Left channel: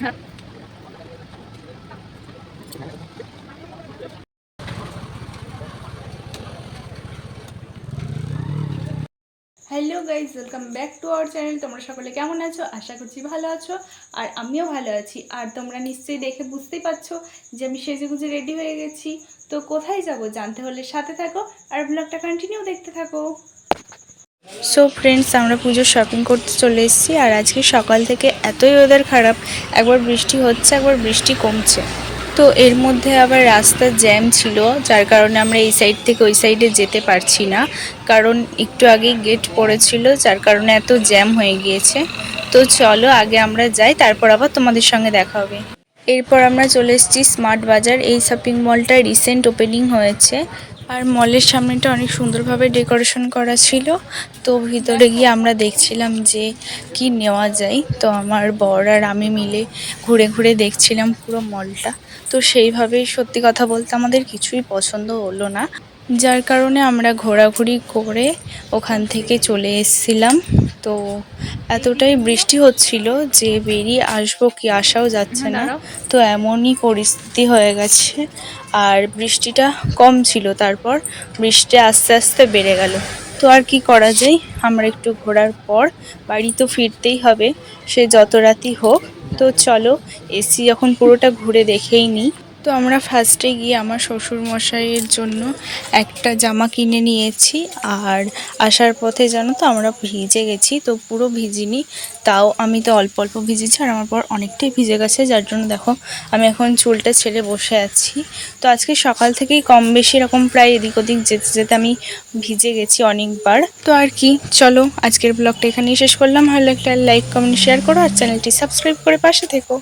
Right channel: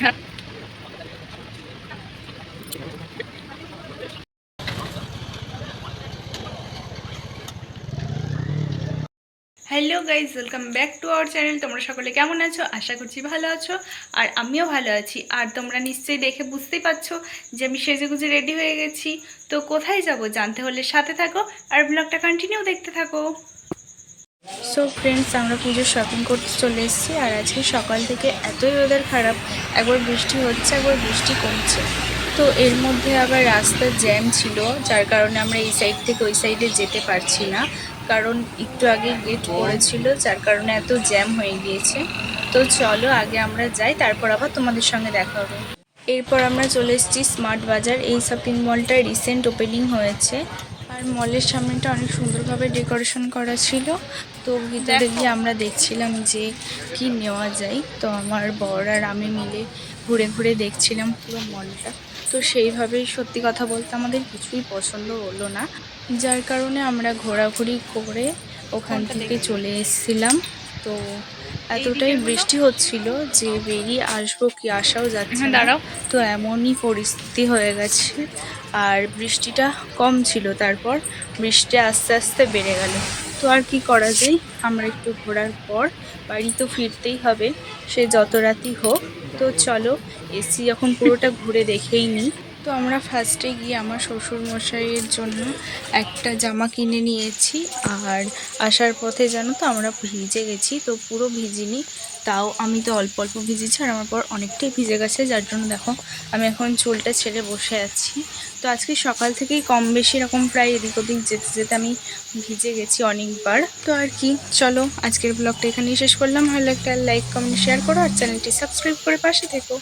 Hello guys, welcome back to our channel. তোমরা সকলে কেমন আছো? আশা করছি ভালো আছো, আর আমিও ভালো আছি। আর তোমরা নিশ্চয়ই দেখে বুঝতেই পারছো যে আমি সেজেগুজে রেডি হয়ে গেছি। তো কোথায় যাব জানতে হলে সাথে থাকো আর ব্লগটা কন্টিনিউ দেখতে থাকো। সো ফ্রেন্ডস, আমরা পুজোর শপিং করতে চলে এসেছি। আর আজকে সকাল থেকে এতই ওয়েদার খারাপ, একবার বৃষ্টি হচ্ছে একবার বৃষ্টি কমছে। তো এর মধ্যে আবার রাস্তার জ্যাম ছিল, যার কারণে আমরা এই সাইড থেকে ওই সাইডে যেতে পারছি না, কারণ একটু আগেই গেট পড়েছিল, যার কারণে এত জ্যাম হয়ে গিয়েছে। তো চলো আগে আমরা যাই, তারপর আবার তোমাদের সঙ্গে দেখা হবে। এরপর আমরা চলে এসেছি স্মার্ট বাজার। এই শপিং মলটা রিসেন্ট ওপেনিং হয়েছে, আর মলের সামনেটা অনেক সুন্দরভাবে ডেকোরেশন করা ছিল। তো ভিতরে গিয়ে আমরা দেখছিলাম যে কি নেওয়া যায়। তো আমার বর আর আমি মিলে ঘুরে ঘুরে দেখছিলাম পুরো মলটা। তো সেইভাবেই সত্যি কথা বলতে আমাদের কিছুই পছন্দ হলো না, যার কারণে আমরা ঘোরাঘুরি করে ওখান থেকে চলে এসেছিলাম। তো এতটাই বৃষ্টি হচ্ছিল যে বেরিয়ে আসবো কি আসাও যাচ্ছে না। তো এমনই পরিস্থিতি হয়ে গেছে। আর বৃষ্টিটা কম ছিল, তারপর বৃষ্টি আস্তে আস্তে বেড়ে গেল। তো আর কি করা যায়, আমরা একটু ঘোরার পর বাড়ি তো ফিরতেই হবে, সে যত রাতই হোক। তো চলো এসি যখন পুরোটা ঘুরে দেখেই নিই। তো আমরা ফার্স্টে গিয়ে আমার শ্বশুর মশাইয়ের জন্য একটা জামা কিনে নিয়েছি। আর আসার পথে জানো তো আমরা ভিজে গেছি, তো পুরো ভিজিনি, তাও আমি তো অল্প অল্প ভিজেছি, আর আমার পর অনেকটাই ভিজে গেছে, যার জন্য দেখো আমি এখন চুলটা ছেড়ে বসে আছি। তো আজকে সকাল থেকেই কম বেশি এরকম প্রায় এদিক ওদিক যেতে যেতে আমি ভিজে গেছি অনেকবার। তো আর কি, চলো আজকের ব্লগটা এখানেই শেষ করলাম। ভালো একটা লাইক কমেন্ট শেয়ার করো, আর চ্যানেলটি সাবস্ক্রাইব করে পাশে থেকো।